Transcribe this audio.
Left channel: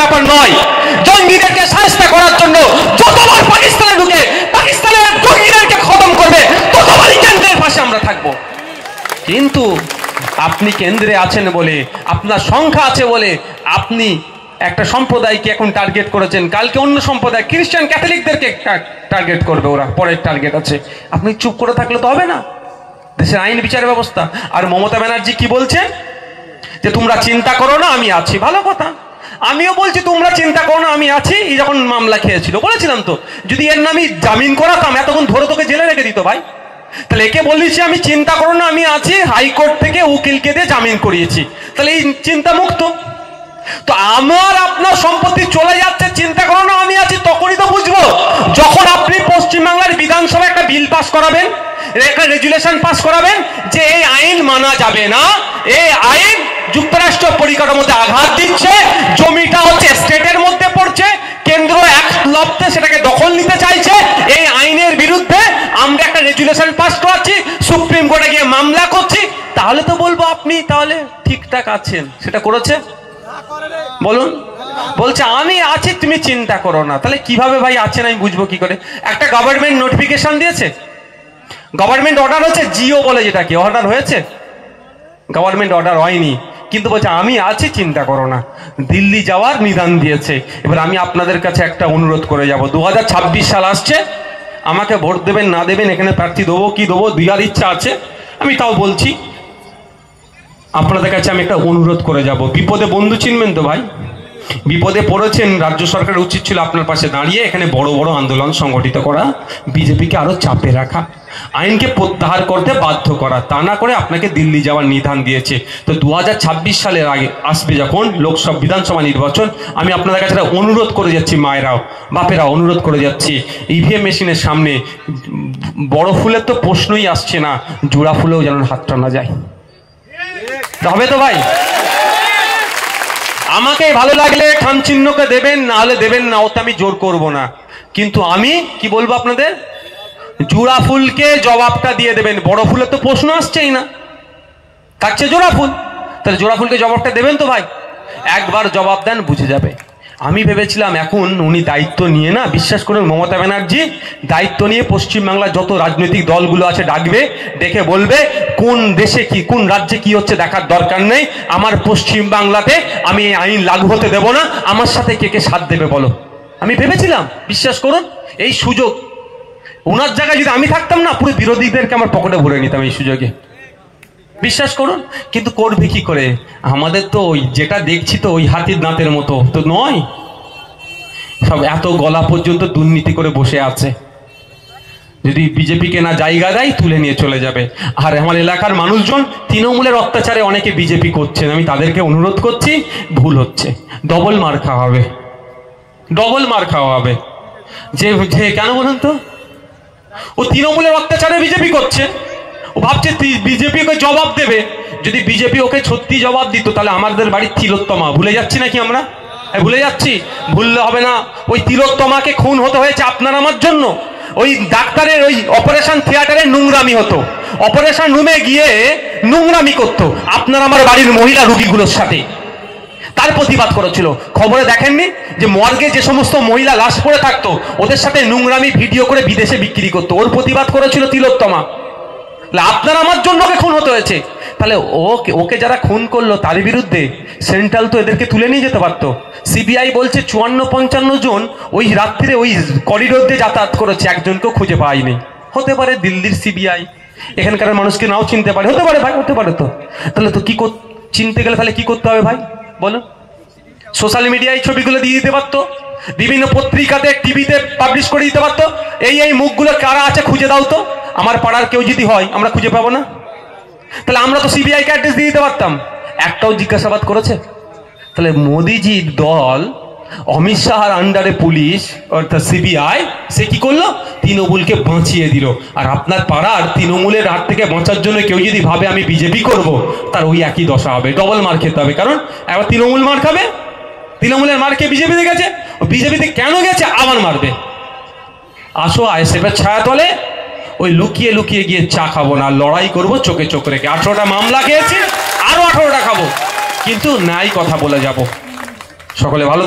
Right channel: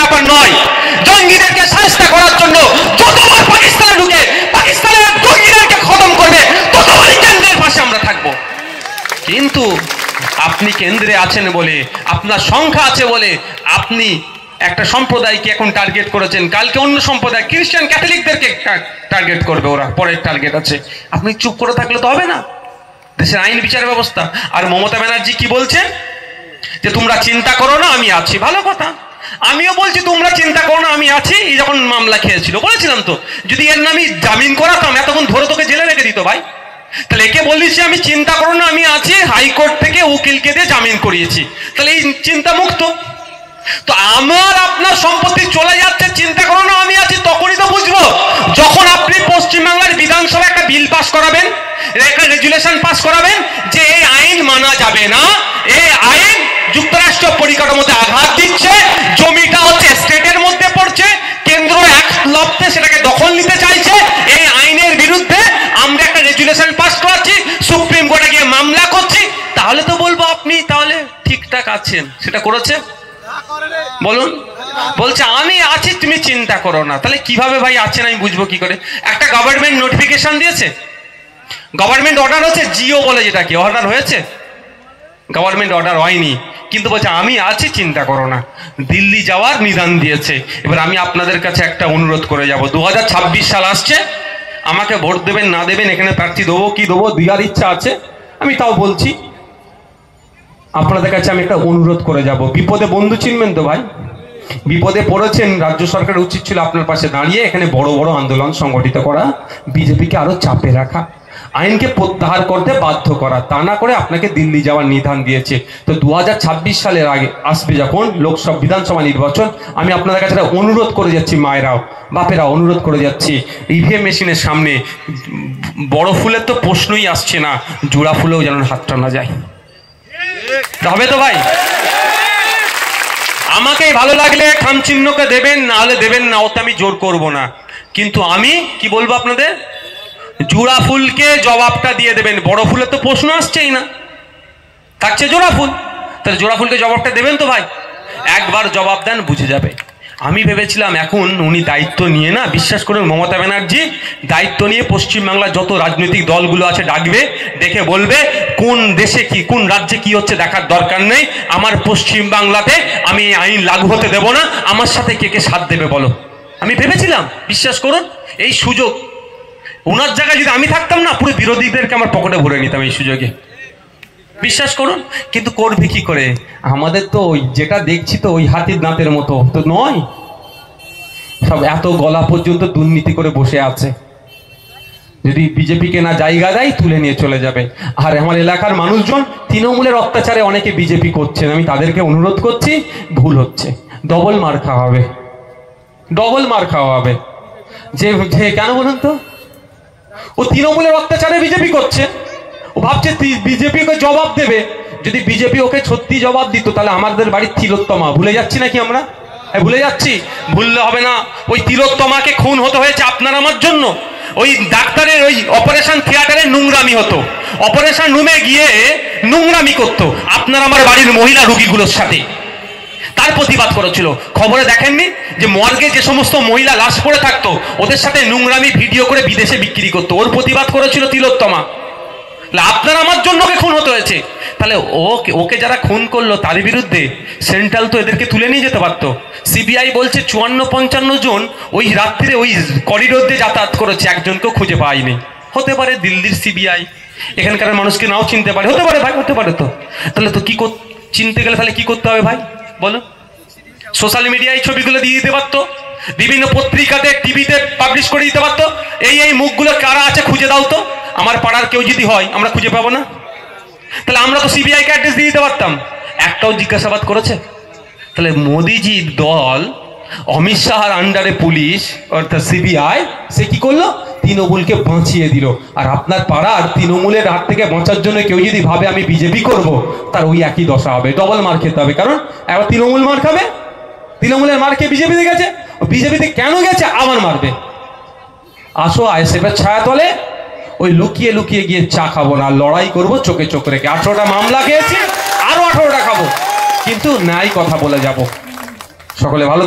ব্যাপার নয়। জঙ্গিদেরকে শায়েস্তা করার জন্য যতবার পাকিস্তানে ঢুকে পাকিস্তানের জঙ্গিদেরকে খতম করবে ততবারই কেন্দ্রের পাশে আমরা থাকবো। কিন্তু আপনি কেন্দ্রে আছেন বলে, আপনার সংখ্যা আছে বলে আপনি একটা সম্প্রদায়কে এখন টার্গেট করেছেন, কালকে অন্য সম্প্রদায় খ্রিস্টান ক্যাথলিকদেরকে টার্গেট করবে, ওরা পরের টার্গেট আছে। আপনি চুপ করে থাকলে তো হবে না। দেশের আইন বিচার ব্যবস্থা। আর মমতা ব্যানার্জি কি বলছেন যে তোমরা চিন্তা করো না আমি আছি। ভালো কথা, আমিও বলছি তোমরা চিন্তা করো না আমি আছি। এই যখন মামলা খেয়েছিল বলেছিলাম তো, যদি এর নামে জামিন করাতাম এতক্ষণ ধরে তোকে জেলে রেখে দিত ভাই। তাহলে একে বলিস আমি চিন্তা করো না আমি আছি, হাইকোর্ট থেকে উকিলকে দিয়ে জামিন করিয়েছি, তাহলে এই চিন্তা মুক্ত। তো আমার আপনার সম্পত্তি চলে যাচ্ছে, চিন্তা করো না আমি আছি, তখনই তো বুঝবো যখন আপনি পশ্চিমবাংলার বিধানসভায় একটা বিল পাস করাবেন, একটা রেজুলেশন পাস করাবেন যে এই আইন মানা যাবে না, এই আইন যুক্তরাষ্ট্র পরিকাঠামোতে আঘাত দিচ্ছে, জমিটা হচ্ছে স্টেটের মধ্যে পড়ছে, কেন্দ্র এক লপ্তে সেটাকে দখল নিতে চাইছে, এই আইনের বিরুদ্ধে আমরা একটা রেজুলেশন পাস করাচ্ছি, সুপ্রিম কোর্টে গিয়ে মামলা করছি, তাহলে তো বলবো আপনি তাহলে ঠিকঠাক আছেন। সেটা করেছে? বলুন, বলছে আমি আছি তুমি চিন্তা করো না। তাহলে কিভাবে ভাই আছেন আমি বুঝবো কি করে? একটা গভর্নমেন্ট নোটিফিকেশন দিয়েছে, গভর্নমেন্ট অর্ডার হচ্ছে, জিও বলে যেটাকে, অর্ডার হয়েছে, গভর্নমেন্ট অর্ডার হয়নি, কিন্তু বলছে আমি আছি চিন্তা করো না। দিল্লি যাওয়ার নিদান দিয়েছে। এবার আমি আপনাদের কাছে একটা অনুরোধ করে যাব, 2026 সাল আসছে, আমাকে ভোট দেবেন না দেবেন, এখানে প্রার্থী দেবো কি দেবো দেওয়ার ইচ্ছা আছে, আমি তাও বলছি আপনাদের কাছে আমি একটা অনুরোধ করে যাব। বিপদে বন্ধু চিনবেন তো ভাই, বিপদে পড়েছেন, রাজ্য সরকারের উচিত ছিল আপনার পাশে দাঁড়িয়ে এখানে বড় বড় আন্দোলন সংগঠিত করা, বিজেপিকে আরো চাপে রাখা, আইনকে প্রত্যাহার করতে বাধ্য করা, তা না করে আপনাকে দিল্লি যাওয়ার নিধান দিয়েছে। তো 2026 সালের আগে আসবে যখন লোকসভা বিধানসভা নির্বাচন, আমি আপনাদের কাছে অনুরোধ করে যাচ্ছি, মায়েরাও বাপেরা অনুরোধ করে যাচ্ছি, ইভিএম মেশিনের সামনে বড় ফুলের তো প্রশ্নই আসছে না, জোড়া ফুলেও যেন হাত টানা যায়। হবে তো ভাই? আমাকে ভালো লাগলে খাম চিহ্নকে দেবেন, না হলে দেবেন না, ওতে আমি জোর করব না। কিন্তু আমি কি বলবো আপনাদের, জোড়া ফুলকে জবাবটা দিয়ে দেবেন। বড় ফুলের তো প্রশ্ন আসছেই না, থাকছে জোড়া ফুল, তাহলে জোড়া ফুলকে জবাবটা দেবেন তো ভাই। একবার জবাব দেন বুঝে যাবে। আমি ভেবেছিলাম এখন উনি দায়িত্ব নিয়ে, না বিশ্বাস করুন মমতা ব্যানার্জি দায়িত্ব নিয়ে পশ্চিমবাংলার যত রাজনৈতিক দলগুলো আছে ডাকবে, ডেকে বলবে কোন দেশে কি কোন রাজ্যে কি হচ্ছে দেখার দরকার নেই, আমার পশ্চিমবাংলাতে আমি আইন লাগু হতে দেব না, আমার সাথে কে কে সাথ দেবে বলো। আমি ভেবেছিলাম, বিশ্বাস করুন এই সুযোগ ওনার জায়গায় যদি আমি থাকতাম না, পুরো বিরোধীদেরকে আমার পকেটে ভরে নিতাম এই সুযোগে, বিশ্বাস করুন। কিন্তু করবে কি করে? আমাদের তো ওই যেটা দেখছি তো ওই হাতির দাঁতের মতো তো নয়, সব এত গলা পর্যন্ত দুর্নীতি করে বসে আছে। যদি বিজেপিকে না জায়গা দেয় তুলে নিয়ে চলে যাবে। আর আমার এলাকার মানুষজন তৃণমূলের অত্যাচারে অনেকে বিজেপি করছেন, আমি তাদেরকে অনুরোধ করছি, ভুল হচ্ছে, ডবল মার খাওয়া হবে, ডবল মার খাওয়া হবে। যে কেন বলুন তো, ও তৃণমূলের অত্যাচারে বিজেপি করছে, ও ভাবছে বিজেপিকে জবাব দেবে। যদি বিজেপি ওকে সত্যি জবাব দিত তাহলে আমাদের বাড়ির তিলোত্তমা ভুলে যাচ্ছি নাকি আমরা? ভুলে যাচ্ছি? ভুললে হবে না। ওই তিলোত্তমাকে খুন হতে হয়েছে আপনার আমার জন্য। ওই ডাক্তারের ওই অপারেশন থিয়েটারে নোংরামি হতো, অপারেশন রুমে গিয়ে নোংরামি করতো আপনার আমার বাড়ির মহিলা রোগীগুলোর সাথে, তার প্রতিবাদ করেছিল। খবরে দেখেননি যে মর্গে যে সমস্ত মহিলা লাশ পড়ে থাকতো ওদের সাথে নোংরামি ভিডিও করে বিদেশে বিক্রি করতো, ওর প্রতিবাদ করেছিল তিলোত্তমা। আপনার আমার জন্য ওকে খুন হতে হয়েছে। তাহলে ওকে যারা খুন করলো তার বিরুদ্ধে সেন্ট্রাল তো এদেরকে তুলে নিয়ে যেতে পারতো। সিবিআই বলছে 54-55 জন ওই রাত্রিরে ওই করিডোর দিয়ে যাতায়াত করেছে, একজনকেও খুঁজে পায়নি। হতে পারে দিল্লির সিবিআই এখানকার মানুষকে নাও চিনতে পারে, হতে পারে ভাই, হতে পারে। তো তাহলে তো কি চিনতে গেলে তাহলে কি করতে হবে ভাই বলো? সোশ্যাল মিডিয়ায় ছবিগুলো দিয়ে দিতে পারতো, বিভিন্ন পত্রিকাতে টিভিতে পাবলিশ করে দিতে পারতো, এই মুখগুলো কারা আছে খুঁজে দাও তো। আমার পাড়ার কেউ যদি হয় আমরা খুঁজে পাবো না, তাহলে আমরা তো সিবিআই কে অ্যাড্রেস দিয়ে দিতে পারতাম। একটাও জিজ্ঞাসাবাদ করেছে? তাহলে মোদিজির দল, অমিত শাহর আন্ডারে পুলিশ অর্থাৎ সিবিআই, সে কি করলো? তৃণমূলকে বাঁচিয়ে দিল। আর আপনার পাড়ার তৃণমূলের হাত থেকে বাঁচার জন্য কেউ যদি ভাবে আমি বিজেপি করব, তার ওই একই দশা হবে, ডবল মার খেতে হবে। কারণ এবার তৃণমূল মার খাবে, তৃণমূলের মার খেয়ে বিজেপিতে গেছে, বিজেপিতে কেন গেছে আবার মারবে। আসো আইএসএফের ছায়া তলে ওই লুকিয়ে লুকিয়ে গিয়ে চা খাবো না, লড়াই করবো চোখে চোখ রেখে। 18টা মামলা খেয়েছি, আরো 18টা খাবো, কিন্তু ন্যায় কথা বলে যাব। সকলে ভালো।